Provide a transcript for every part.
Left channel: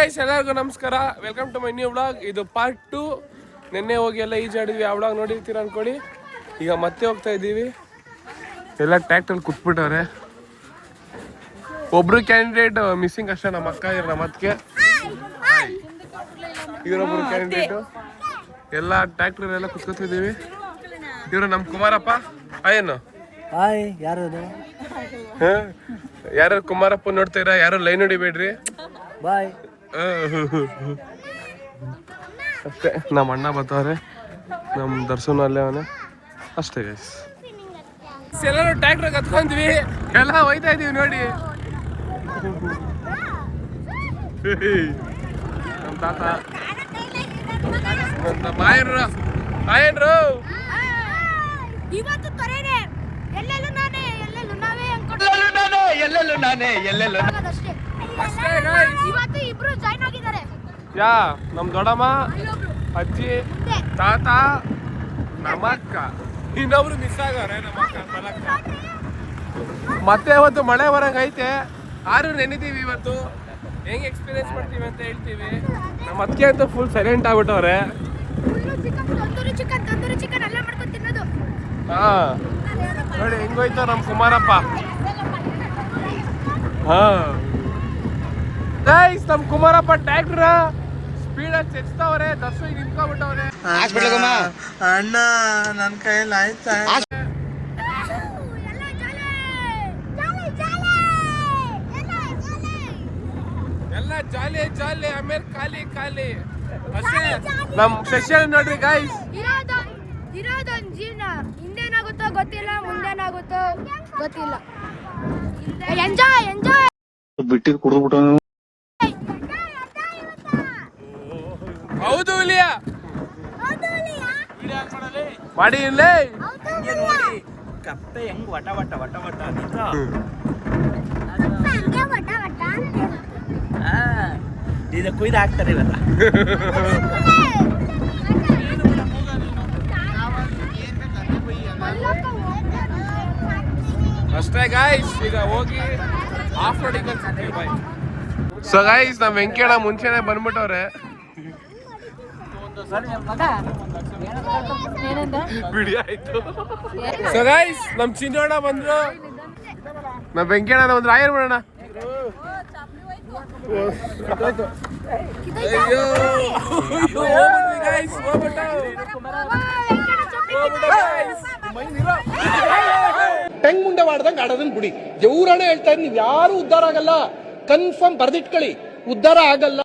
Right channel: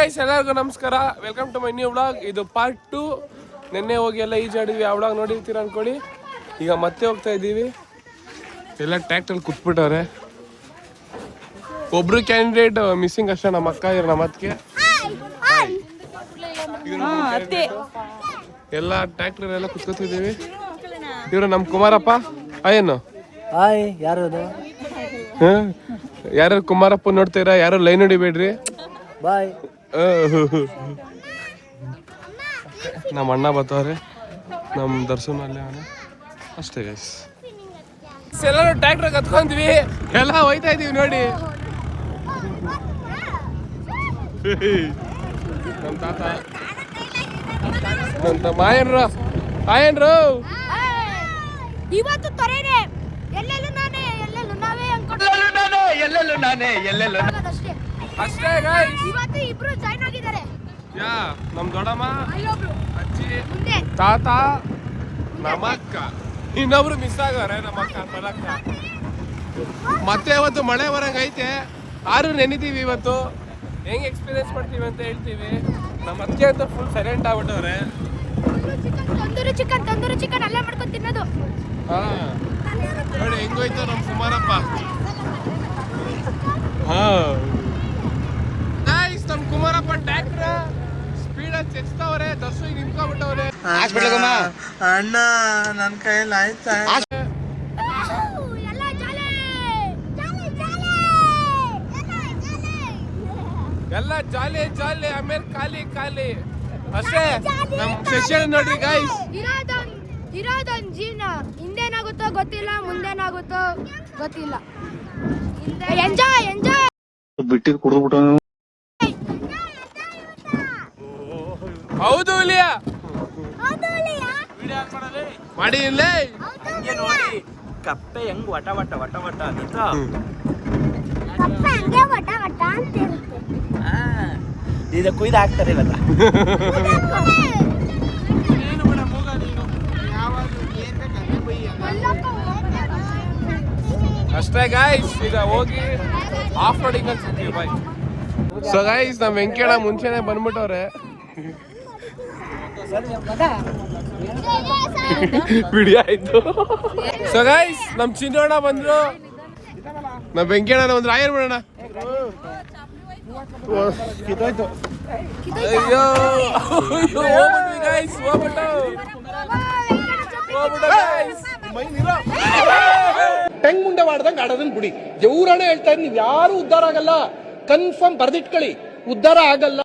ಎಲ್ಲರಿಗೂ ನಮಸ್ಕಾರ, welcome to my new vlog. ಇದು ಪಾರ್ಟ್ 2. ನಿನ್ನೆ ಹೋಗಿ ಎಲ್ಲ ಈಜಾಡಿದ್ವಿ, ಆ ವ್ಲಾಗ್ ನೋಡಿರ್ತೀರ ಅನ್ಕೊಳ್ಳಿ. ಈಗ ಮತ್ತೆ ಹೋಗ್ತಾ ಇದ್ದೀವಿ. ಎಲ್ಲ ಟ್ರ್ಯಾಕ್ಟರ್ ಕುತ್ಬಿಟ್ಟವ್ರೆ. ಒಬ್ರು ಕ್ಯಾಂಡಿಡೇಟ್ ಮಿಸ್ಸಿಂಗ್ ಅಷ್ಟೇ, ನಮ್ಮ ಅಕ್ಕ ಇವ್ರು ನಮ್ಮ ಅತ್ತಿಗೆ. ಎಲ್ಲ ಟ್ರ್ಯಾಕ್ಟರ್ ಎಲ್ಲ ಕುತ್ಕೊತಿದ್ದೀವಿ. ಇವರು ನಮ್ಮ ಕುಮಾರಪ್ಪ. ಏನು ಯಾರು ಕುಮಾರಪ್ಪ ನೋಡ್ತೀರಾ? ಯಾರು ಲೈನ್ ಹೊಡಿಬೇಡ್ರಿ. ಬಾಯ್. ಅಷ್ಟೇ, ನಮ್ಮ ಅಣ್ಣ ಬರ್ತಾವ್ರೆ, ನಮ್ಮ ದರ್ಶನ ಅಲ್ಲೇ ಅವನೇ. ಅಷ್ಟೇ ಗೈಸ್, ಎಲ್ಲರೂ ಟ್ರ್ಯಾಕ್ಟರ್ ಕತ್ಕೊಂಡ್ವಿ, ಎಲ್ಲ ಹೋಯ್ತಾ ಇದೀವಿ ನೋಡಿ. ನಮ್ಮ ತಾತ, ನಮ್ಮ ಆಯನ್ರು ಇವತ್ತು ತೊರೆನೆ ಎಲ್ಲೆಲ್ಲೂ ನಾನೇ ಎಲ್ಲೆಲ್ಲೂ ನಾವೇ ಅಷ್ಟೇ. ಅಷ್ಟೇ ಗೈಸ್, ಇವತ್ತು ಇಬ್ರು ಜಾಯ್ನ್ ಆಗಿದ್ದಾರೆ. ಯಾ ನಮ್ಮ ದೊಡ್ಡಮ್ಮ, ಅಜ್ಜಿ, ತಾತ, ನಮ್ಮಕ್ಕ, ಇನ್ನೊಬ್ರು ಮಿಸ್ ಆಗವ್ರೆ, ನಮ್ಮಕ್ಕ ಮಲಕ್ಕ. ಮತ್ತೆ ಇವತ್ತು ಮಳೆ ಬರಂಗೈತೆ, ಆರು ನೆನಿದೀವಿ. ಇವತ್ತು ಹೆಂಗ್ ಎಕ್ಸ್ಪೀರಿಯನ್ಸ್ ಮಾಡ್ತೀವಿ ಅಂತ ಹೇಳ್ತೀವಿ. ನಮ್ಮ ಅತ್ತಿಗೆ ಅಂತೂ ಫುಲ್ ಸೈಲೆಂಟ್ ಆಗ್ಬಿಟ್ಟವ್ರೆ. ತಂದೂರಿ ಚಿಕನ್ ಅಲ್ಲೇ ಮಾಡ್ಕೊಂಡು ತಿನ್ನೋದು. ಹಾ ನೋಡಿ ಹೆಂಗೋಯ್ತು ನಮ್ಮ ಕುಮಾರಪ್ಪ. ಹಾ ಗೈಸ್, ನಮ್ಮ ಕುಮಾರಪ್ಪ ಟ್ರ್ಯಾಕ್ಟರ್ ಸ್ಪೀಡಾಗಿ ಚೆಚ್ತಾವ್ರೆ. ದರ್ಶನ ನಿಂತ್ಕೊಂಡ್ಬಿಟ್ಟವ್ರೆ. ಅಣ್ಣ ನನ್ನ ಕೈಯಲ್ಲಿ ಆಯ್ತಾ? ಎಲ್ಲ ಜಾಲಿ ಜಾಲಿ, ಆಮೇಲೆ ಖಾಲಿ ಖಾಲಿ ಅಷ್ಟೇ. ನಮ್ ಸೆಷನ್ ನೋಡ್ರಿ ಗೈಸ್. ಇರೋದೊಂದು ಜೀವನ, ಹಿಂದೇನಾಗುತ್ತೋ ಗೊತ್ತಿಲ್ಲ, ಮುಂದೇನಾಗುತ್ತೋ ಗೊತ್ತಿಲ್ಲ. ಎಂಜಾಯ್ ಎಂಜಾಯ್ ಬಿಟ್ಟಿದ್ ಕುಡಿದ್ಬಿಟ್ಟು. ಹೌದು ಇಲಿಯಾ, ಮಾಡಿ ಇಲ್ಲೇ ಹಂಗೆ ನೋಡಿ ಕಪ್ಪೆ ಹೆಂಗ್ ವಟ ವಟ ವಟ ವಟ ಅಂತ ಇದು ಕುಯ್ದು ಹಾಕ್ತಾರೆ ಇವತ್ತ. ಅಷ್ಟೇ ಗಾಯ್ಸ್, ಈಗ ಹೋಗಿ ಆಫ್ ರೋಡಿಂಗ್ ಅನ್ಸುತ್ತೀವಿ. ಬಾಯ್. ಸೊ ಗಾಯ್ಸ್, ನಮ್ ವೆಂಕಣ್ಣ ಮುಂಚೆನೆ ಬಂದ್ಬಿಟ್ಟವ್ರೆ. ಬಿಡಿ ಆಯ್ತು. ಸೊ ಗಾಯ್ಸ್, ನಮ್ ಚಿನ್ನೋಣ ಬಂದ್ರು, ನಮ್ ವೆಂಕಣ್ಣ ಒಂದು ರಾಯರ್ ಮಾಡೋಣ. ಅಯ್ಯೋ ಗೈಸ್, ಟೆಂಗ್ ಮುಂಡೆ ಮಾಡ್ದಂಗೆ ಆಡೋದನ್ನ ಬಿಡಿ. ದೇವ್ರಾಣೆ ಹೇಳ್ತಾ ಇದ್, ನೀವ್ ಯಾರು ಉದ್ಧಾರ ಆಗಲ್ಲ. ಕನ್ಫರ್ಮ್ ಬರ್ದಿಟ್ಕೊಳ್ಳಿ, ಉದ್ಧಾರ ಆಗಲ್ಲ.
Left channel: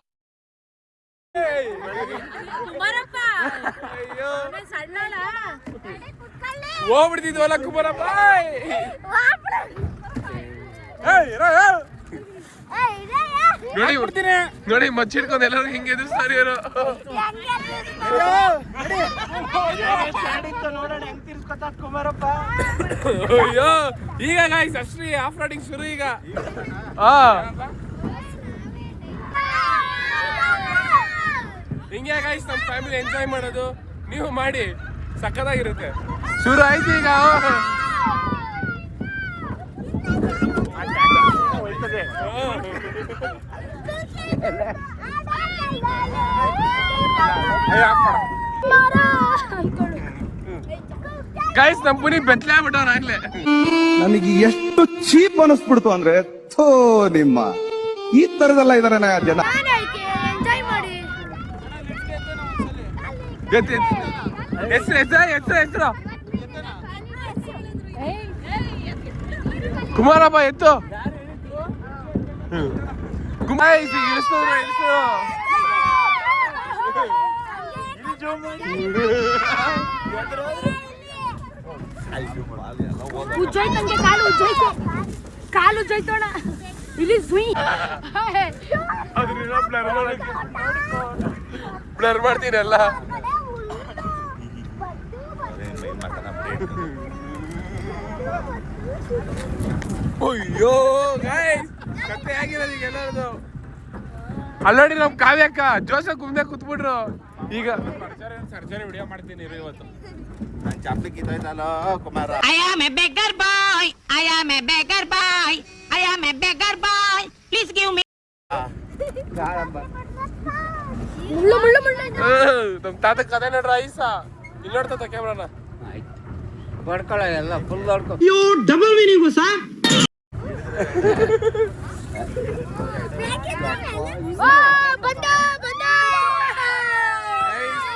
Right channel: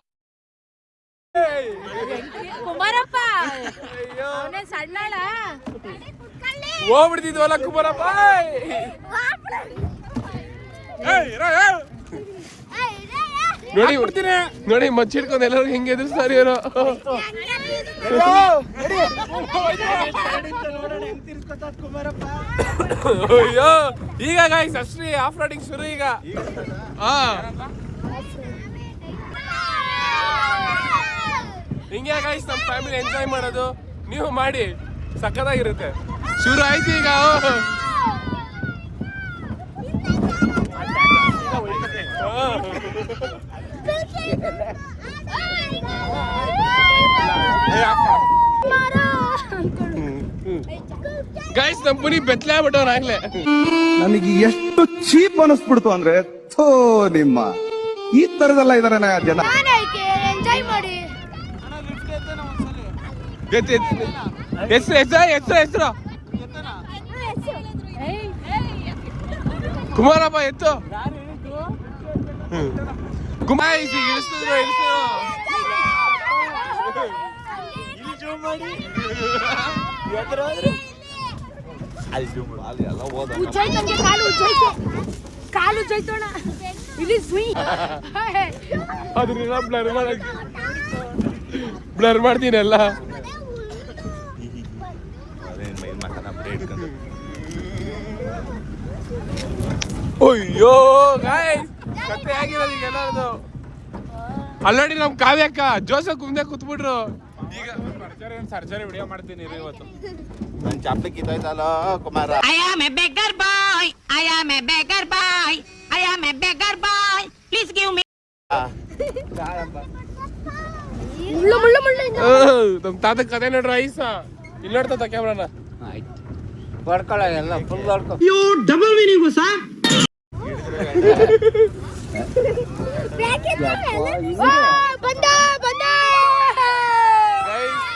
ಹೋಗ್ಬಿಡ್ತಿದ್ವಲ್ಲ ಕುಮಾರಪ್ಪ. ನೋಡಿ ನೋಡಿ, ಮಚ್ಚಿಡ್ಕೊಂಡು ಎಲ್ಲರೂ ಹೆಂಗೆ ಎದುರಿಸ್ತಾರೆ ಇವರು. ಅಯ್ಯೋ, ಈಗ ಗಾಯ್ಸ್ ಅಷ್ಟೇ ಆಫ್ ರೋಡಿಂಗ್ ಶುರು ಈಗ. ಹಾ, ಹಿಂಗೆ ಗಾಯ್ಸ್ ನಮ್ಮ ಫ್ಯಾಮಿಲಿ ಎಂಜಾಯ್ ಮಾಡೋದು. ನೀವು ಮಾಡಿ, ಸಕ್ಕತ್ತಾಗಿರುತ್ತೆ. ಶುರು ಆಯ್ತು ಈಗ. ಗೈಸ್, ನಮ್ಮ ಪುನಿ ಬೆತ್ತಲೆ ಆಗ್ಬಿಟ್ಟವ್ನ ಆಗ್ಲೇ. ನನಗೆ ಎಷ್ಟು ಚೀಪ್ ಅನಿಸ್ಬಿಡ್ತು ಅಂದ್ರೆ, ಥೋ ನಿಮ್ಮ ಈ ತರದೆಲ್ಲ ಇದಾರೆ ಜನ. ಎಂಜಾಯ್ ಮಾಡಿ. ಹೆಸರು ಕುಮಾರಪ್ಪ ಎತ್ತು. ಕುಮಾರ್ ಇಳಿಸಿದ್ರು ಕಾಲು ಜೈತೋಣ ಇಲ್ಲಿ ಬ್ಲರ್ ಮಾಡ್ತೀನಲ್ಲ. ಅಯ್ಯೋ ಗಾಯ್ಸ್, ಕತೆ ಆಗಿರೋದು ಈಗ ಎಲ್ಲರದು. ಅಲ್ಲೋಡಿ ನಮ್ ಕಾವ್ಯಕ್ಕ ಜೋಸಫ್ ಮುಂದೆ ಕೂತ್ಬಿಟ್ರು. ಈಗ ಸರ್ಜರಿ ವಿಡಿಯೋ ಮಾಡ್ತೀನಿ ಇವತ್ತು. ನನ್ ಚಾಪ್ಲಿ ಕಿತ್ತೋಯ್ತಲ್ಲ Kumara. I am a beggar boy. I am a beggar boy. I am a beggar boy. Please give me. ನಮ್ ತಾತ ಕತೆ ನೋಡ್ರ ಐಸ ಇಲ್ಲಿ ನೋಡ್ತಾ ಕ್ಯಾಮ್ರಾನ ಹೊಡ್ಕೊಳ್ಳ ಎಲ್ಲ ಫುಲ್ ಹೊಡ್ಕೊ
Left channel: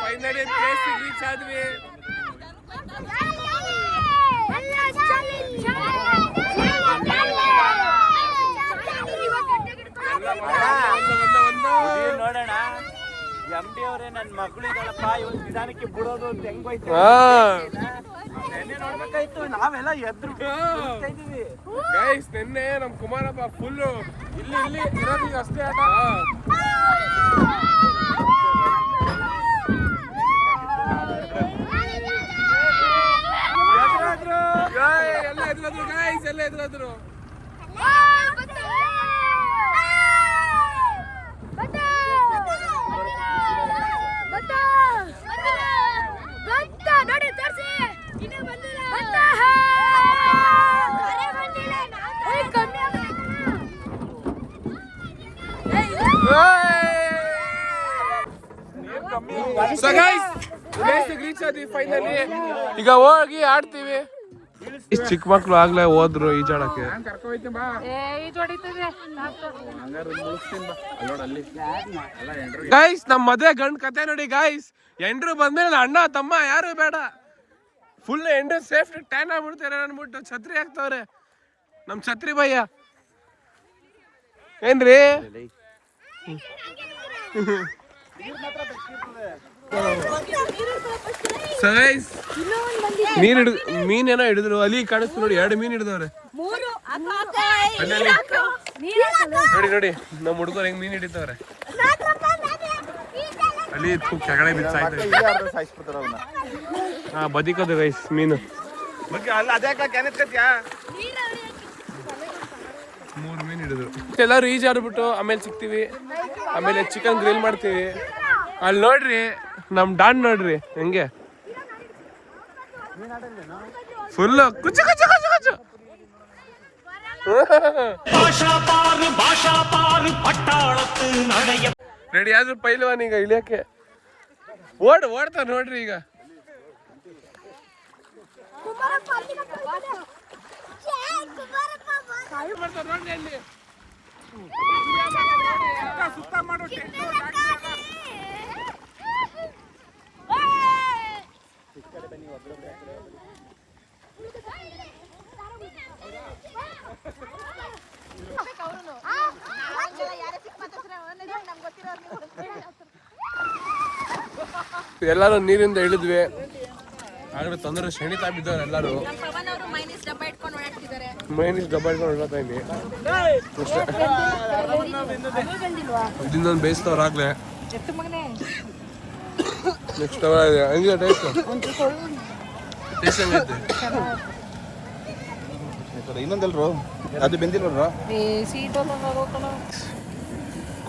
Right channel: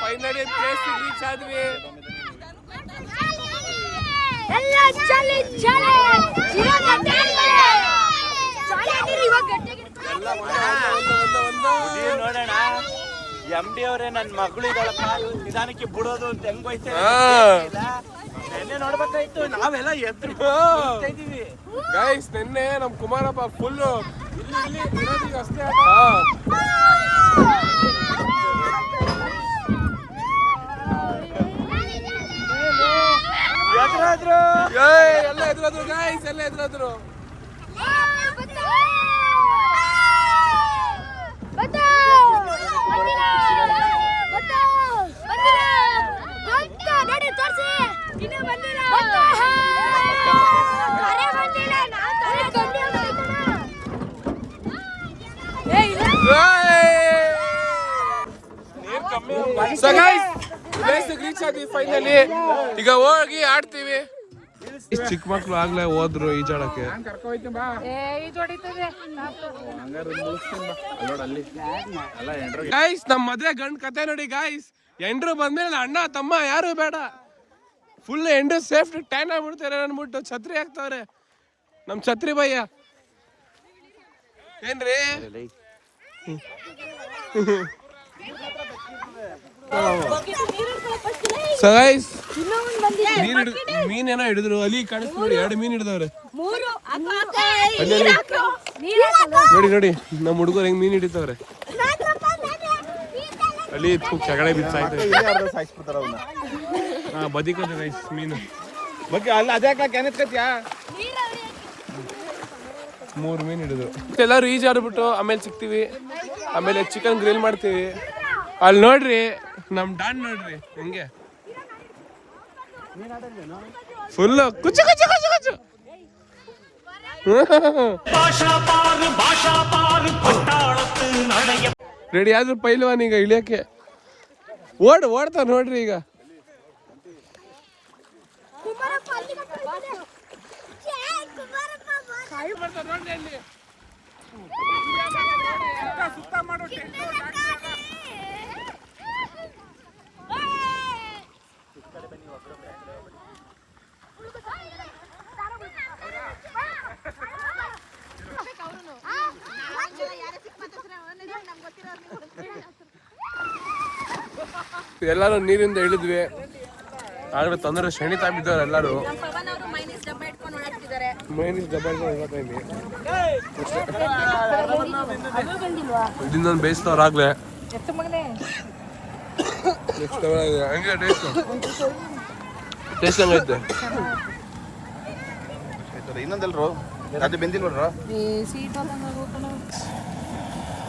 ಫೈನಲಿ ಪ್ಲೇಸ್ ರೀಚ್ ಆದ್ವಿ. ನೋಡೋಣ MD ಅವರೇ ನನ್ನ ಮಗಳು ಇದ್ದಾಳಪ್ಪ ಇವತ್ತು ನಿಧಾನಕ್ಕೆ ಬಿಡೋದು ಅಂತ ಹೆಂಗೋಯ್ತು ನೆನ್ನೆ ನೋಡ್ಬೇಕಾಯ್ತು ನಾವೆಲ್ಲ ಎದ್ರು ಇದೀವಿ ಗೈಸ್ ನಿನ್ನೆ ನಮ್ ಕುಮಾರಪ್ಪ ಫುಲ್ ಇಲ್ಲಿ ಇರೋದು ಅಷ್ಟೇ ಆಟ. ಎಲ್ಲ ಎದುರಾದ್ರು ಗೈಸ್, ಎಲ್ಲ ಎದುರಾದ್ರು. ನೋಡಿ ತೋರ್ಸಿ So guys, place reach ಆದ್ವಿ ಫೈನಲಿ. ಈಗ ಹೋಗಿ ಆಡ್ತೀವಿ. ಚಿಕ್ಕ ಮಕ್ಳು ಆಗ್ಲೇ ಹೋದ್ರು ಈಜಾಡಕ್ಕೆ. ಗೈಸ್ ನಮ್ ಮದ್ವೆ ಗಂಡ್ ಕತೆ ನೋಡಿ ಗೈಸ್. ಎಂಡ್ರು ಬಂದ್ಮೇಲೆ ಅಣ್ಣ ತಮ್ಮ ಯಾರು ಬೇಡ, ಫುಲ್ ಎಂಡ್ರು ಸೇಫ್ಟಿ ಟ್ಯಾನ್ ಆಗ್ಬಿಡ್ತಾರೆ ಅನ್ಬಿಟ್ಟು ಛತ್ರಿ ಹಾಕ್ತವ್ರೆ ನಮ್ ಛತ್ರಿ ಭಯ್ಯ. ಏನ್ರಿ ಸೈಸ್ ಮೀನೇನೋ ಹಿಡಿದ್ರು, ಅಲ್ಲಿ ಕಾಣಿಸ್ತು ನೋಡಿ, 2 ಮೀನ್ ಹಿಡಿದವ್ರೆ ಅಲ್ಲಿ. ನೋಡಿ ನೋಡಿ ನಮ್ ಹುಡುಗರು ಹೆಂಗ್ ಮೀನ್ ಹಿಡಿತವ್ರೆ ಅಲ್ಲಿ. ಕೆಳಗಡೆ ಬಿಚ್ಚಾಯ್ತು. ಹಾ ಬದಿಕೋದು ಗೈಸ್ ಮೀನು. 3 ಮೀನ್ ಹಿಡಿದ್ರು. ಎಲ್ಲರೂ ಈಜಾಡ್ಬಿಟ್ಟು ಆಮೇಲೆ ಸಿಗ್ತೀವಿ. ಆಮೇಲೆ ಚಿಕನ್ ಗ್ರಿಲ್ ಮಾಡ್ತೀವಿ. ಅಲ್ಲಿ ನೋಡ್ರಿ ನಮ್ ಡಾನ್ ನೋಡ್ರಿ ಹೆಂಗೆ ಫುಲ್ ಕುಚ್ಚು ಕುಚ್ಚು ಕುಚ್ಚು ಕುಚ್ಚು. ರೆಡಿ ಆದ್ರೂ ಪೈಲ್ವಾನ್ ಈಗ ಇಳಿಯಕ್ಕೆ ಓಡ್ತಾ ನೋಡ್ರಿ ಈಗ. ಸುತ್ತ ಮಾಡೋ ಎಲ್ಲಾರು ನೀರಿಂದ ಇಳಿದ್ವಿ. ಆಗ್ಲೇ ತೊಂದರೆ ಶಣಿತಾ ಬಿದ್ದವ್ರು ಎಲ್ಲಾರು. ಮೈನೀಸ್ ಡಬ್ಬ ಇಟ್ಕೊಂಡು ಓಡಾಡ್ತಾ ಇದ್ವಿ. ಇದನ್ನೊಂದು ಬೇಯಿಸ್ತವ್ರ ಆಗ್ಲೇ. ನೆಕ್ಸ್ಟ್ ಹಂಗೆ ಟೇಸ್ಟ್ ಹಂಗೈತೆ.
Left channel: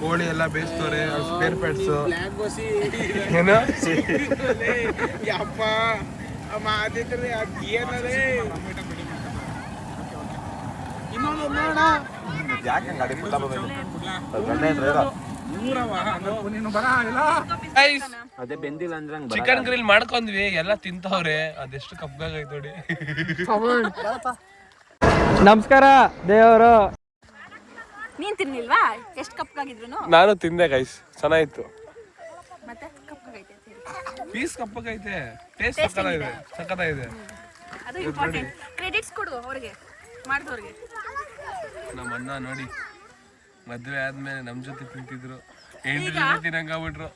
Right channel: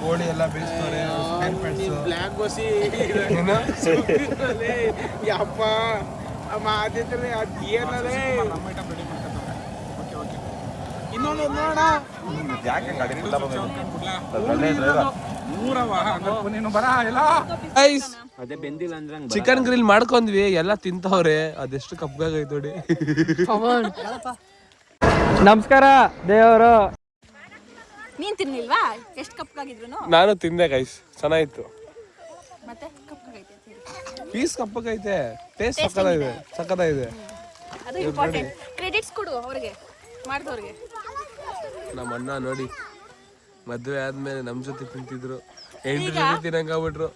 ಕೋಳಿ ಎಲ್ಲ ಬೇಯಿಸ್ತವ್ರೆ. ಸ್ಪೇರ್ ಪ್ಯಾಟ್ಸ್ ಏನು ಯಪ್ಪ ಚಿಕನ್ ಗ್ರಿಲ್ ಮಾಡ್ಕೊಂಡ್ವಿ, ಎಲ್ಲ ತಿಂತವ್ರೆ. ಅದೆಷ್ಟು ಕಪ್ಪಾಗೈತೆ ನೋಡಿ. ನಮಸ್ಕಾರ ದೇವರು. ನೀನ್ ತಿನ್ನಿಲ್ವಾ? ಎಷ್ಟು ಕಪ್ಪಾಗಿದ್ರು? ನಾನು ತಿಂದೆ ಗೈಸ್, ಚೆನ್ನಾಗಿತ್ತು. ಮತ್ತೆ ಕಪ್ಪಾಗೈತೆ ಪೀಸ್ ಕಪ್ಪಗೈತೆ, ಟೇಸ್ಟ್ ಸಕ್ಕತ್ತಾಗಿದೆ, ಸಕ್ಕತ್ತಾಗಿದೆ. ಅದು ಇಂಪಾರ್ಟೆಂಟ್. ಕ್ರೆಡಿಟ್ಸ್ ಕೊಡು ಅವ್ರಿಗೆ, ಮಾಡಿದವ್ರಿಗೆ. ನಮ್ಮ ಅಣ್ಣ ನೋಡಿ ಮದ್ವೆ ಆದ್ಮೇಲೆ ನಮ್ ಜೊತೆ ತಿಂತಿದ್ರು, 8 ಜೊತೆ ತಿನ್ನಂಗಾಗ್ಬಿಟ್ರು.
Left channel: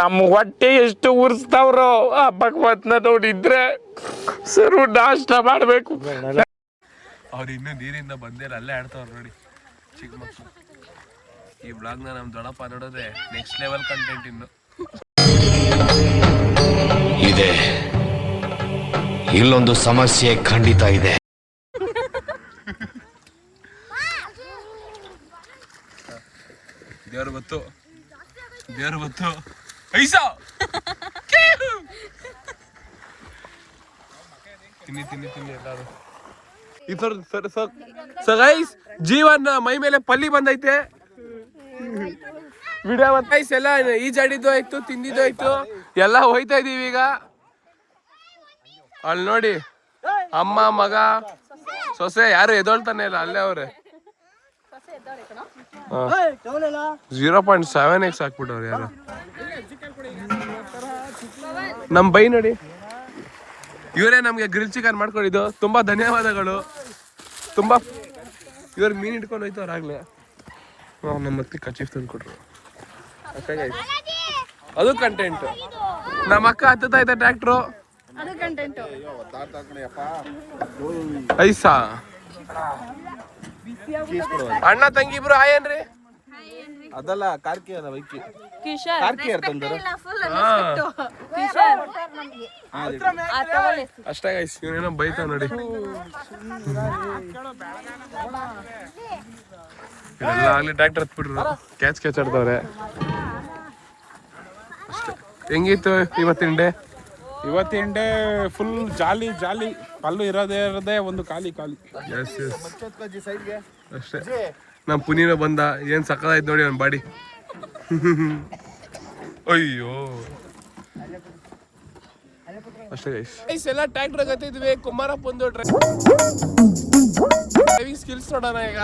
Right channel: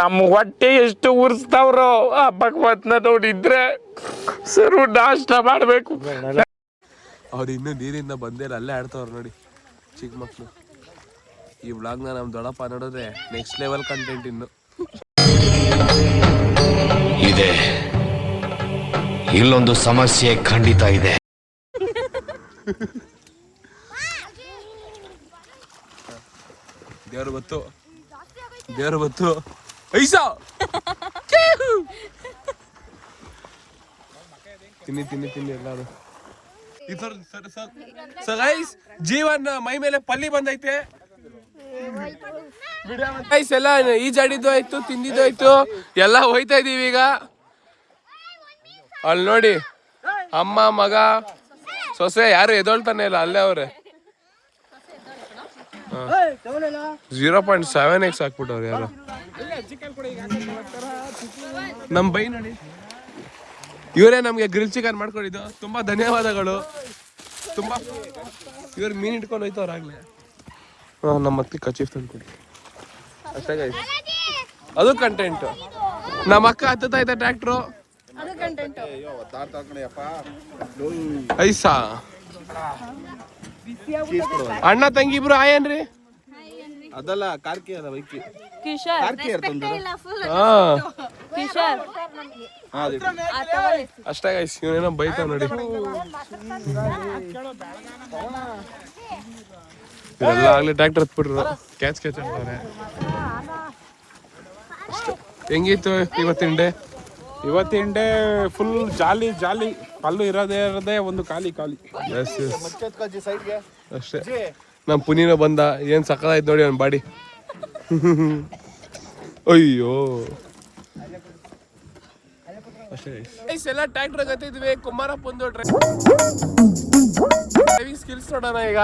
ನಮ್ ಹೊಟ್ಟೆ ಎಷ್ಟು ಉರ್ಸ್ತಾವ್ರೋ ಆ ಭಗವತ್ನ ನೋಡಿದ್ರೆ ಸರು ನಾಷ್ಟ ಮಾಡ್ಬೇಕು. ಅವ್ರು ಇನ್ನೂ ನೀರಿಂದ ಬಂದೇರ ಅಲ್ಲೇ ಆಡ್ತವ್ರು ನೋಡಿ ಚಿಕ್ಕ ಮಕ್ಳು. ಈ ವ್ಲಾಗ್ನ ನಮ್ ದೊಡ್ಡಪ್ಪ ನೋಡಿದ್ರೆ ನೆಕ್ಸ್ಟ್ ಲೆವೆಲ್ ಕಂಟೆಂಟ್ ಇನ್ನು ಇದೆ. ಇಲ್ಲೊಂದು ಸಮಸ್ಯೆ ಖಂಡಿತ ಇದೆ. ದೇವ್ರು ಬತ್ತು ಐಸಾ ತಿನ್ನಿ ಎಲ್ಲಾರು. ಈ ಗೈಸ್ ಜೀವನ್ ಮೈ ಮೇಲೆ ಪಲ್ಲಿ ಬಂದೈತೆ. ವಿಡಿಯೋ ಎಲ್ಲ ಈಜಾಡಿದ್ದು ಆಯ್ತು, ತಿಂದಿದ್ದು ಆಯ್ತು, ಎಲ್ಲ ಹೋಯ್ತಾ ಇದೀವಿ ಈಗ. ಅಲ್ಲಿ ನೋಡಿ ಅಮ್ಮ ಮಗ ಸೊಸೆ ಯಾರು ಎದೊಳ್ತಾನೆ ಇಲ್ಲ, ಅಲ್ಲೇ ಅವ್ರೆ. 0.7x ಹಾಕ್ಬಿಟ್ಟವ್ರು ಯಾರು. ನಮ್ ಬೈ ನೋಡಿ, ಇವರೇ ನಮ್ಗೆ ಗ್ರಿಲ್ ಚಿಕನ್ ಮಾಡ್ಕೊಂಡಿದ್ದು. ತುಂಬಾ ಧನ್ಯವಾದಗಳು. ತುಂಬಾ ಇವ್ರು ಮೀನ್ ಇಟ್ಕೊಂಡು ಹೋಯ್ತವ್ರ ಆಗ್ಲೇ. ನಮ್ಮ ಅತ್ತಿ ಕಚೀಫ್ ತಂದು ಕೊಟ್ರು ಅಷ್ಟೇ ಗೈಸ್. ಅದು ಕಂಟೆಂಟ್. ನಮ್ಮ ಅಕ್ಕ ಹತ್ತುತ್ತಾ ಇದ್ದ ಟ್ರ್ಯಾಕ್ಟ್ರು ಐಸಾ. ಅಣ್ಣ ತಂಗಿ ಇಬ್ರು ಆಯೇನ್ರಿ? ಅದಲ್ಲ ಕಾರ್ಕಿ ಅದ ಬೈಕಿ ಕಿಶೋರ್ ಕಾರ್ಕಿ ಇರ್ತಂದ್ರೆ ಕಿಶೋರ್ ಅಷ್ಟೇ ಗೈಸ್. ಇವನೇನೋ ಬೈತಾವ ನೋಡಿ. ಇದೆಲ್ಲ ಆಗ್ಲಿ ಟ್ರ್ಯಾಕ್ಟರ್ ಹತ್ಬಿಟ್ರು, ಕ್ಯಾಚ್ ಆಡ್ತವ್ರೆ ಅಷ್ಟೇ. ಹೆಂಗಿತ್ತು ಇವತ್ತಿನ ಡೇ? ಇವತ್ತಿನ ಡೇ ಫುಲ್ ಜಾಲಿ ಜಾಲಿ. ಪಲ್ಲು ಇರೋದೇ ಒಂದು ಖಾಲಿ. ಎಸ್ ಅಷ್ಟೇ. ನಮ್ಮ ಪುನೀನ ಬಂದ, ಏನ್ ಸಕ್ಕದಾಯ್ತು ನೋಡಿ ಅವ್ನ ಬಾಡಿ. ಅಯ್ಯೋ ಅಷ್ಟೇ ಗೈಸ್. ಎಲ್ಲ ಟ್ರ್ಯಾಕ್ಟರ್ ಗತ್ತಿದ್ವಿ. ಕುಮಾರಪ್ಪ ಒಂದು ಡ್ರೈವಿಂಗ್ ಸ್ಕಿಲ್ಸ್ ನೋಡೋಣ ಈಗ.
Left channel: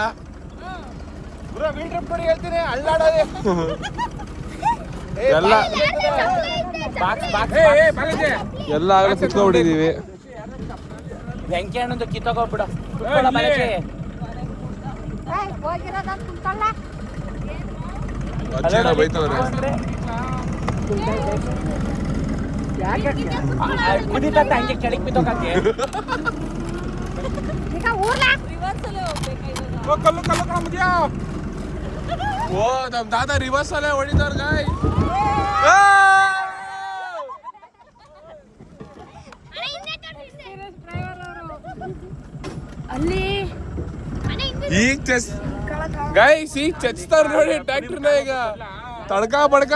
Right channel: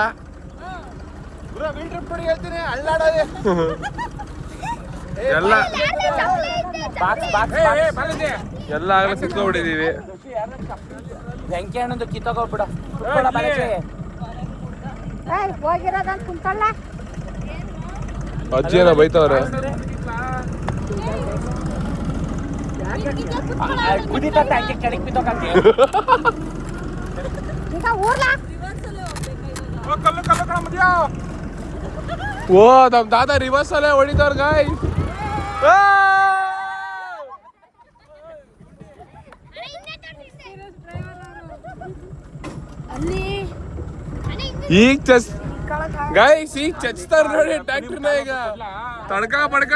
ಹೇಳ್ತೀನಿ ಅಳ್ಳಾಡೋದೆ ಎಲ್ಲ ಎಲ್ಲ ಆಗಲೇ ಸಿಕ್ಕೋಬಿಟ್ಟಿದೀವಿ. ಬೆಂಕಿ ಹಣ್ಣೊಂದು ಕಿತ್ತೋಗ್ಬಿಡ ಕುತ್ಕೊಳ್ಳ ಬಳಕೆ. ಅಜ್ಜಿನ ಬೈತವ್ರೆ. ಓ ನಮ್ ದಾದಾ ರಿವರ್ಸ್ ಅಲ್ಲೇ ಹೊಡಿದವ್ರ ಗಾಯ್. ಈಗ ಗೈಸ್ ಈಗ ಚಚ್ತಾರ ನೋಡಿ ಟ್ರ್ಯಾಕ್ಟರ್ನ. ಈಗ ತಡ್ಕಾ ಬಡ್ಕ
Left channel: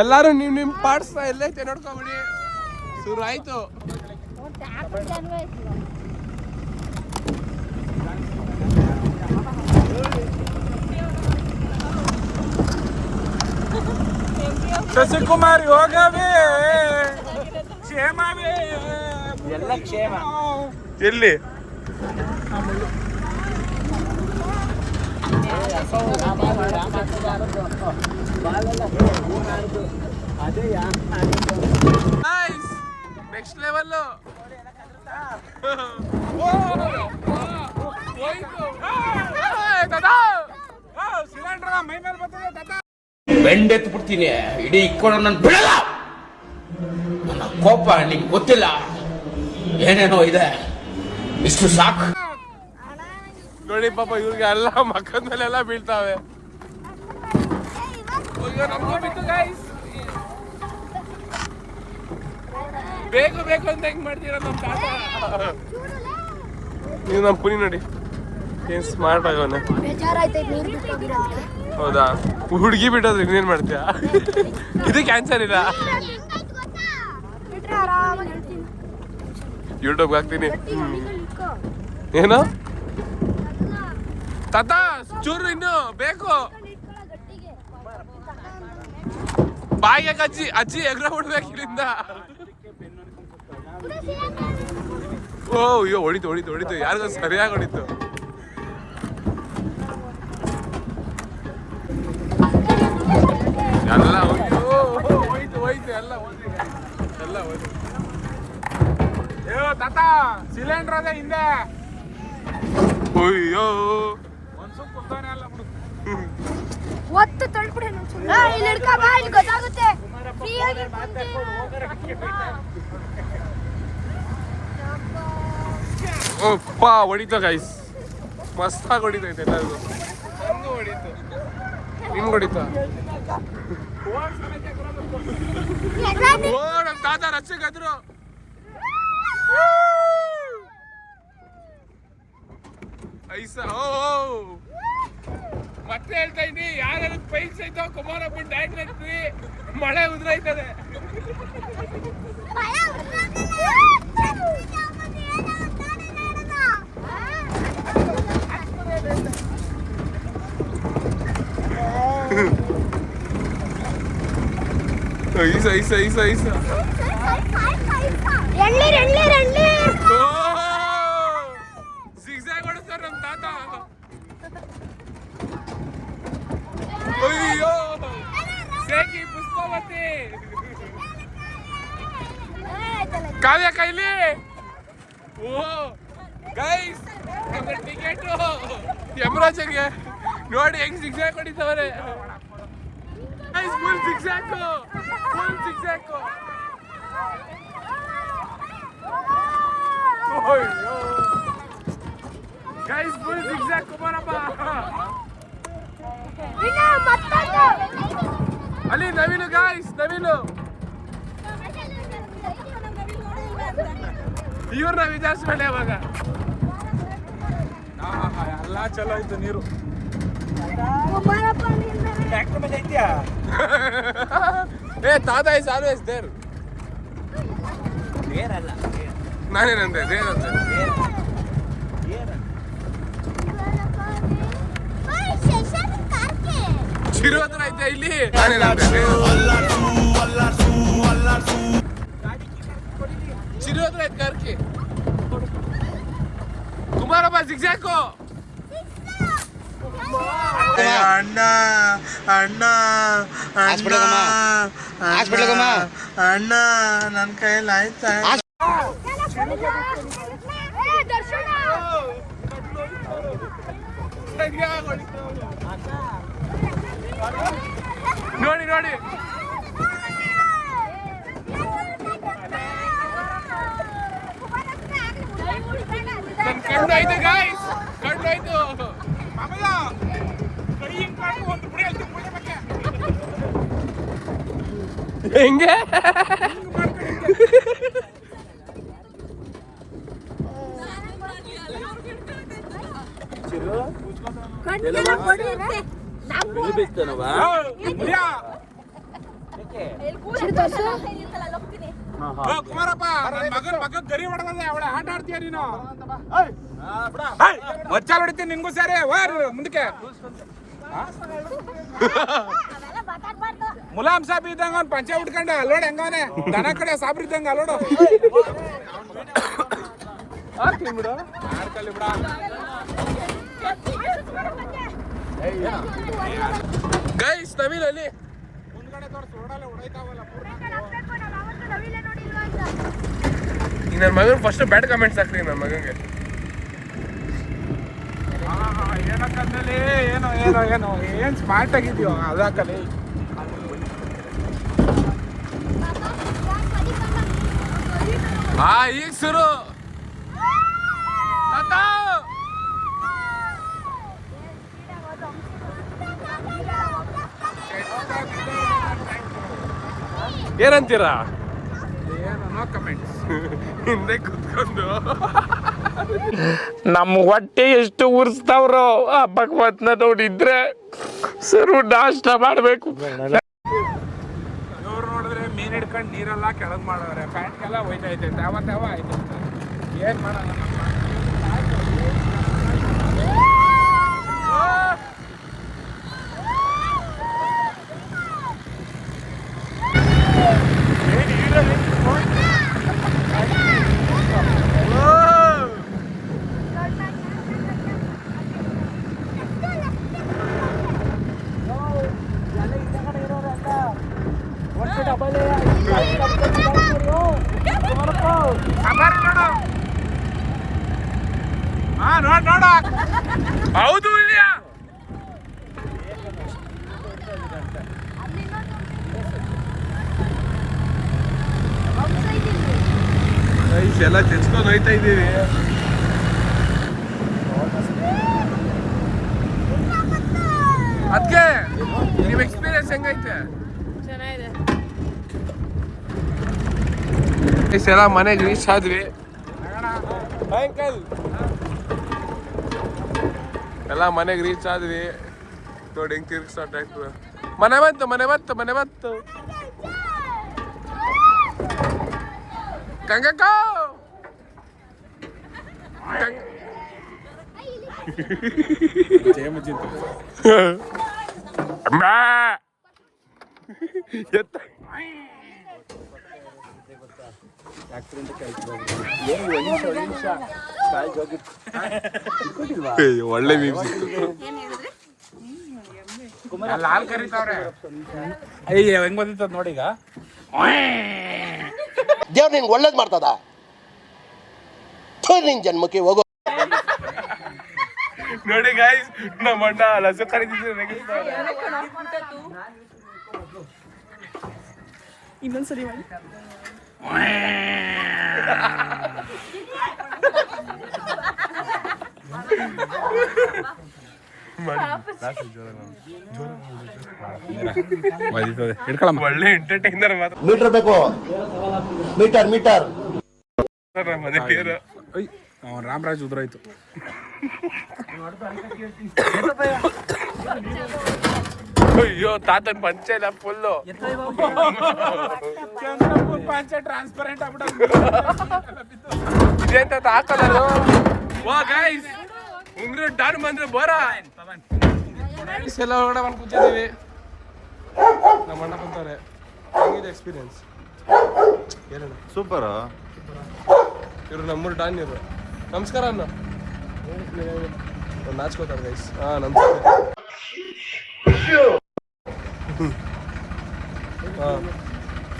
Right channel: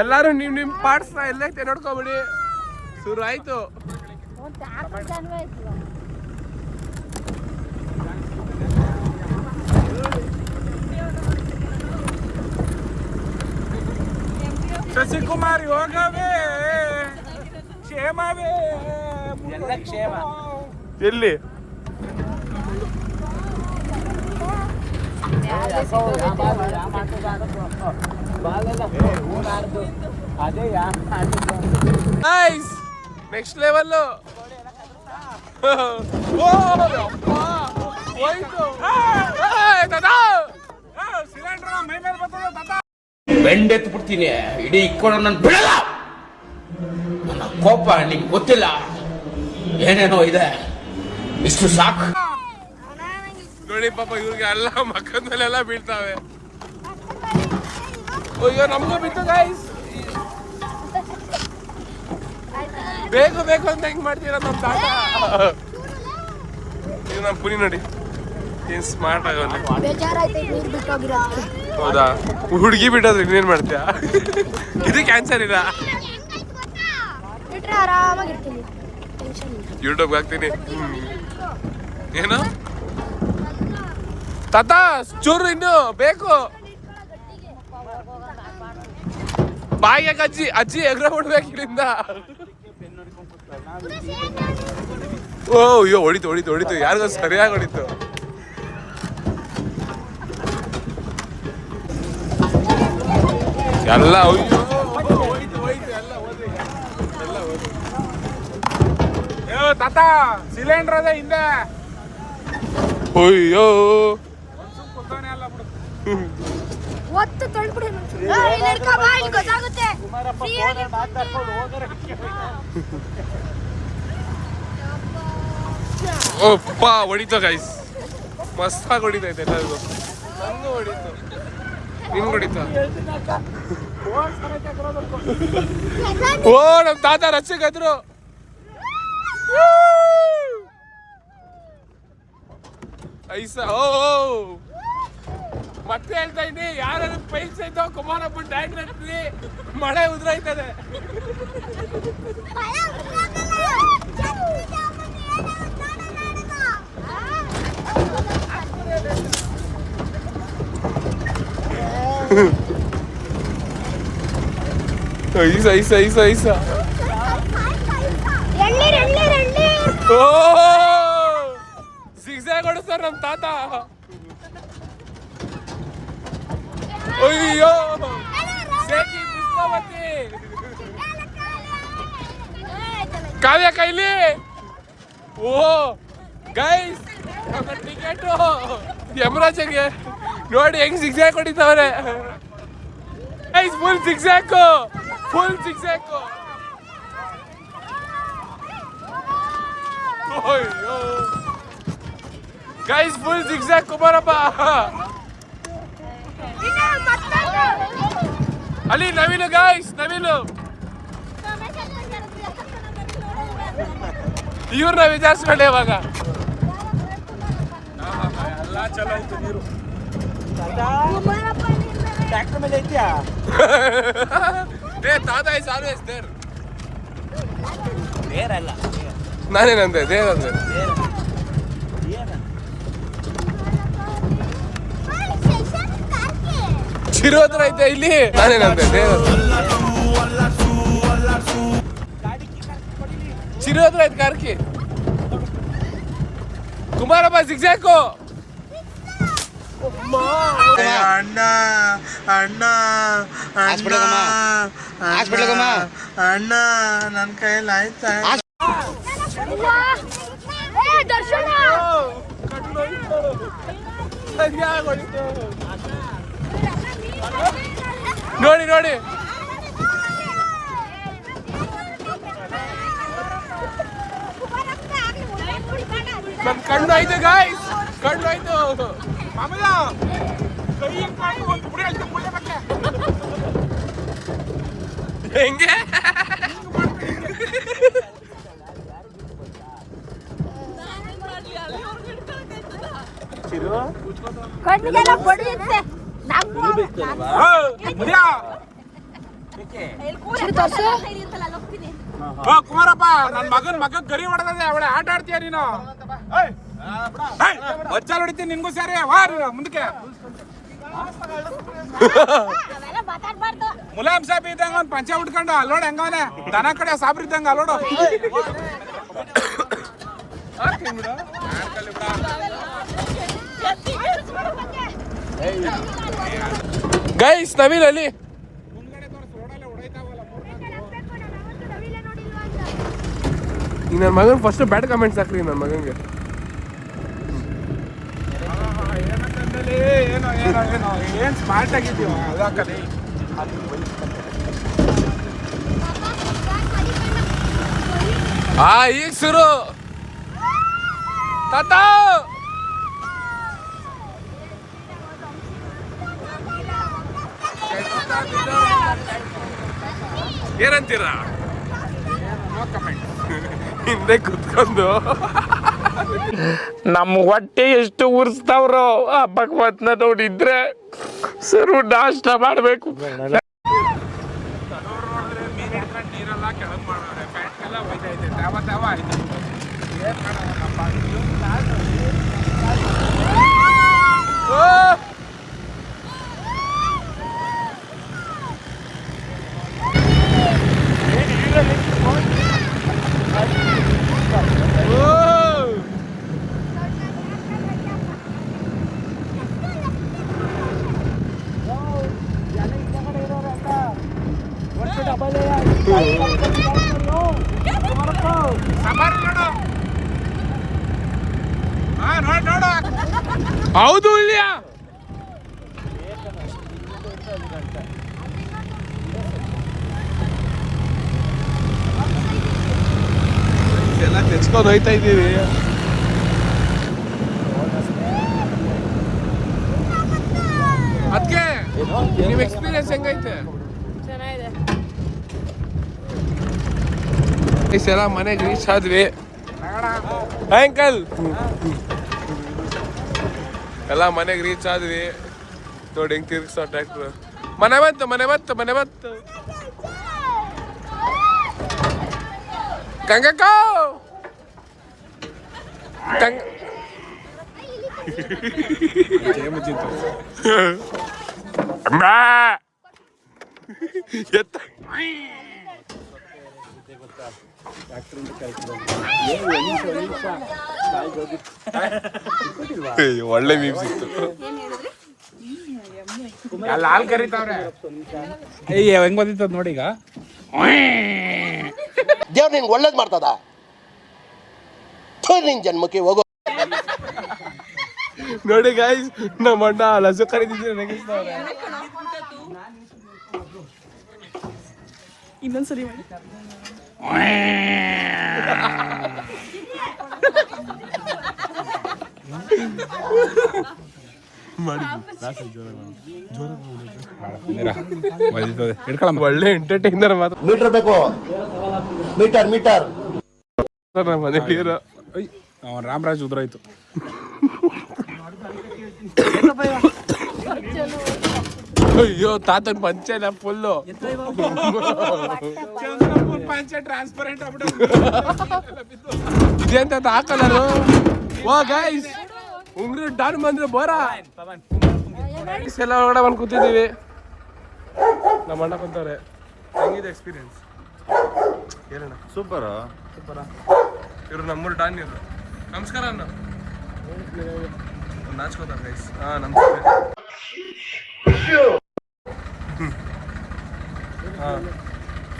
ಎಲ್ಲಾರು ನಿಮ್ ಪಾರ್ಟ್ಸ್ ಎಲ್ಲೈತೆ ನೋಡ್ಕೊಬಿಡಿ. ಶುರು ಆಯ್ತು. ಶಶಿಕುಮಾರ್ ಯೋಗವೇ ಕ್ಷೇಮವೇ ಎಲ್ಲ ಕ್ಷೇಮ. ಎಲ್ಲಿ ನೆಕ್ಸ್ಟ್ ಲೆವೆಲ್. ಬೆಂಡೆತ್ತು ಬಿಡ್ತೀನಿ. ಇಡೀ ಇಕ್ಕೊಂಡು ನನ್ನ ಬಿಡಲ್ಲ. ನನ್ನ ಕೋಪ ನಿಂಗೆ ಗೊತ್ತಿಲ್ಲ. ಏನೇನೋ ಇದೆ, ಇಷ್ಟು ಸಾಕು ನೋಡಿ. ಪಾಪ ಇವ್ರಿಗೆ ಎಲ್ಲ ಮಕ್ಕದ ಮೇಲೆಲ್ಲ ಬೀಳ್ತಾವೆ. ಅಯ್ಯೋ ನಮಗೂ ಬಿತ್ತು ಗಾಯ್ಸ್. ಬೇಕು ಅಂತ ಹೆಂಗ್ ಮಾಡ್ತೀರ ನಮ್ ತಾತ. ಇದು ನಮ್ ಪುನಿ ನೋಡಿ ಏನ್ ಸ್ಮಾರ್ಟ್ ಆಗವನೆ. ಹೌದಾ? ಹುಡುಗಿ ಬಿಟ್ಟೋದ್ರೆ ಇನ್ನೇನ್ ಮಾಡ್ತೀಯ? ಇದು ಕ್ಯಾನ್ಸರ್ ಇಲ್ಲ. ಯೂಟ್ಯೂಬ್ ಹಾಕ್ತೀನಿ. ಏನು ತಾತ ಚೂರು ಇನ್ನು ಬೇಕು. ಬಾಯಿಗೆ ಅಜ್ಜಿ ಎಗ್ರ ಬಿಡ್ಬೇಕು ಇದರಿಂದ. ಓ ಅಯ್ಯೋ ಹೊಡಿತು ಯಾರಿಗೋ ಸರಿಯಾಗಿ ಹೊಡಿತು. ಎಲ್ಲ ಹೋಯ್ತು ಎಲ್ಲ ಹೋಯ್ತು. ತಾತ ಸಿಲಿಂಡರ್ ಅದೇ ಹಿಂದೆ. ಅಯ್ಯೋ ಮತ್ತೆ ತೊಳ್ಬಿಡ ಗೊತ್ತಾಗುತ್ತೆ. ಓಪ್ಪ ಹೊಡಿತು ಗೈಸ್. ಮಸ್ತಾಗಿ ಹೊಡಿತೈತೆ ಎಲ್ಲರಿಗೂ. ನನ್ಗೂ ಹೊಡಿತು, ನಿಮ್ಗೆ ಹೊಡಿತ. ಓ ನಮ್ ತಾತ ರಚ್ಚಗದ್ರು. ಐಸ ಓ ಮತ್ತೆ ಹೇಳ್ತಾ ಇದ್ದೀನಿ, ಯಾರು ಪೈಲ್ಸ್ ಐತೋ ಕುಮಾರಪ್ಪ ಟ್ಯಾಂಕ್ ನಟ್ರಿ ಮಳೆ ಉದ್ರೈತದೆ. ಐಸ ಐಸ ಐಸ ಐಸ. ಓ ಜಿಗ್ಜಾಗ್ ಹೊಡಿಸ್ತಾರ ನಮ್ ತಾತ. ಅಯ್ಯೋ ಸೇಕಿ ಪುಷ್ಪಾವತಿ. ಕಾವ್ಯ ಕೈಲಿ. ಓ ಗೈಸ್ ನಮ್ಮ ಟಿಕೆಟ್ ಯಮರಾಜಗೆ ನೋಡಿ ಹೆಂಗ್ ಜಿಗ್ಜಾಗ್ ಹೊಡಿತಾವ್ರೆ guys. Full zigzag, full zigzag. ಅಯ್ಯೋ ಗೈಸ್ ಫುಲ್ ಜಿಗ್ಜಾಗ್ ಕುಮಾರಪ್ಪ. ಅಲ್ಲಿ ನವಿಲು ಗೈಸ್, ನವಿಲು. ಇವ್ರನ್ನ ವಿಚಾರಿಸ್ಕೊಂಡೆ ಇವಾಗ. ಎಲ್ಲ ಚಲೋ ಐತೆ ನೀರು. ಟ್ರ್ಯಾಕ್ಟರ್ ಮೇಲೆ ಐತ್ಯಾ? ಏ ತಾತ ಇಸ್ ಆಲ್ವೇಸ್ ದೇರ್. ಬೇರಲ್ಲ, ನಾನೇನಂದೆ ದೇರ್ ಅಂದೆ. ಚಿರು ಹತ್ರ ಐತೆ ಇಲ್ಲಿ. ನಾನೇನಂದೆ ದೇರ್. ಚಿರು ಹತ್ರ ಐತೆ ಕಾರ್ಕಿ. ಕುಮಾರಪ್ಪ ಜಿಗ್ಜಾಕು. ಅಣ್ಣ ಅಣ್ಣ ಅಣ್ಣ ನನ್ನ ಕೈಯಲ್ಲಿ ಆಯ್ತಾ? ನೋಡಿ ನೋಡಿ ನಮ್ ಕಣ್ಣು ಆಯ್ತು ಗಾಯ್ಸ್, ಕಣ್ಣು ಆಯ್ತು. ಹೆಂಗೆ ಕಣ್ಣಿಗೆಲ್ಲ ಬಡಿಯುತ್ತೆ. ಕುಮಾರಪ್ಪ ನನ್ನ ಮಗನ್ ಗರಿ ಹೊಡೆದೇ ಅವಳೆ ಆಟ ಆಡ್ತೀಯ ನೀನು. ಬಚ್ಚಾಲ್ ಹೊಡಿತೀನಿ ನಿನ್ಗೂ ಸರಿ. ವಾ ನೀನು ಮುಂದಕ್ಕೆ. ಮುಲಾಮ್ ಸಾಬ್ ಇದ್ದಂಗ ಪಂಚ ಉಟ್ಕೊಂಡ ಅಲ್ಲೋಡ್ ಹೆಂಗವನೆ ದನ ಕಡೆ ಸಾಬ್ರ ಇದ್ದಂಗ ಅಲ್ಲೋಡು. ಬಿಡು ಗೈಸ್ ನವೀನ್ ಅಲ್ಲಿ ಈಗ ನನ್ನ ಮಗನ್ ಫಸ್ಟ್ ಬ್ಯಾಡ್ ಕಮೆಂಟ್ಸ್ ಹಾಕ್ರಿ ನನ್ನ ಮಗನ್ಗೆ. ಏನ್ ಸ್ಮಾರ್ಟ್ ಆಗಿದ್ಯೋ ಅದಾಕಲಿ. ಈಗ ಶುರು ತಾತ. ಏನಂತೀರಾ? ಹಿಂದೆ ಕುತ್ಕೊಂಡು ನಮ್ಮ ಹೊಟ್ಟೆ ಎಷ್ಟು ಉರ್ಸ್ತಾವ್ರೋ ಆ ಭಗವತ್ನ ನೋಡಿದ್ರೆ ಸರು ನಾಷ್ಟ ಮಾಡ್ಬೇಕು. ಹೌದು ಇಲ್ಲ ಎಲ್ಲ ತೆಚ್ಕೊಂಡು ಹೋಯ್ತಾ ಇದ್ದೀವಿ. ಅದಕ್ಕೆ ನಿಮ್ ಎಕ್ಸ್ಪೀರಿಯನ್ಸ್ ಹೆಂಗೈತೆ? ಚೆನ್ನಾಗಿದೆ. ಎಲ್ಲ ಮನೆಗೆ ರೀಚ್ ಆದ್ವಿ ಅಂಕಲ್. ಎಲ್ಲ ಮನೆಗೆ ರೀಚ್ ಆದ್ವಿ. ನೋಡಿ ಹೆಂಗ್ ತಿರ್ಗಿಸೋ ಟ್ರ್ಯಾಕ್ಟರ್. ಮನೆ ಬಂತು ಮನೆ ಬಂತು ಮನೆ ಬಂತು. ಗಂಗಕ್ಕ ಗಂಗ ಎತ್ತ ಒಳ್ಳೆ ಮೀಮ್ ಸಿಕ್ತು. ಅಲ್ಲಿ ಹಾಲು ಕರೀತಾವ್ರೆ. ಹೆಂಗ್ ಬಂದಿತ್ತು ನೋಡಿ ಈಗ. ದೇವ್ರು ನಿನ್ಗೆ ಒಳ್ಳೇದು ಮಾಡ್ತದ ನಿನ್ ಜನ್ಮಕ್ಕೆ ಹೋಗೋ. ನೋಡಿ ಗೈಸ್, ನಮ್ಮ ಅಣ್ಣ ಲಸು ಕರೀತಿದ್ರು. ಇನ್ನೊಂದ್ಸರಿ ಮಾಡಿ. ಒಳ್ಳೆ ಎಂಟರ್ಟೈನರ್ ಮಾತ್ರ. ಮೀಟರ್ ಬೇಕು, ಮೀಟರ್ ಮೀಟರ್. ನಮ್ಮ ಮನೇಲಿ ರಾಮರಾಜ್ ಉದ್ರಾಯ್ತು. ಅಯ್ಯೋ ತಾತನ್ ಪಂಚೆ ಇಲ್ಲ ಫುಲ್ಲು. ಪಂಚ ಟ್ರಾನ್ಸ್ಪರೆಂಟ್ ಉಂಗ್ರು ಡಾನ್ ಬಂದ್ರು ಬೋರ ಎಲ್ಲ ಹೊರಗಡೆ ಬಂದು ಕೂತಿದ್ದೀವಿ. ನಮ್ಮ ಅಣ್ಣ ಕುಂತಾರೆ. ಹೆಂಗಿದೆ ಎಕ್ಸ್ಪೀರಿಯನ್ಸ್ ಹೇಳೋಣ. ಸೂಪರ್. ಇವರು ನಮ್ಮೂರು ಡಾನ್ ಇವರು. ನಮಸ್ಕಾರ ಅಣ್ಣ. ನಾಚ್ಕೋತಾರೆ ಗೈಸ್. ನಮಸ್ತೆ.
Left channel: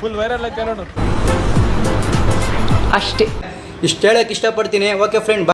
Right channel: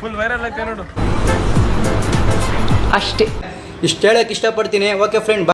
ಫುಲ್ ವೈರಲ್ ಐತೆ ನೋಡು. ಅಷ್ಟೇ ಇಷ್ಟು ಹೇಳಕ್ ಇಷ್ಟಪಡ್ತೀನಿ. Okay friend.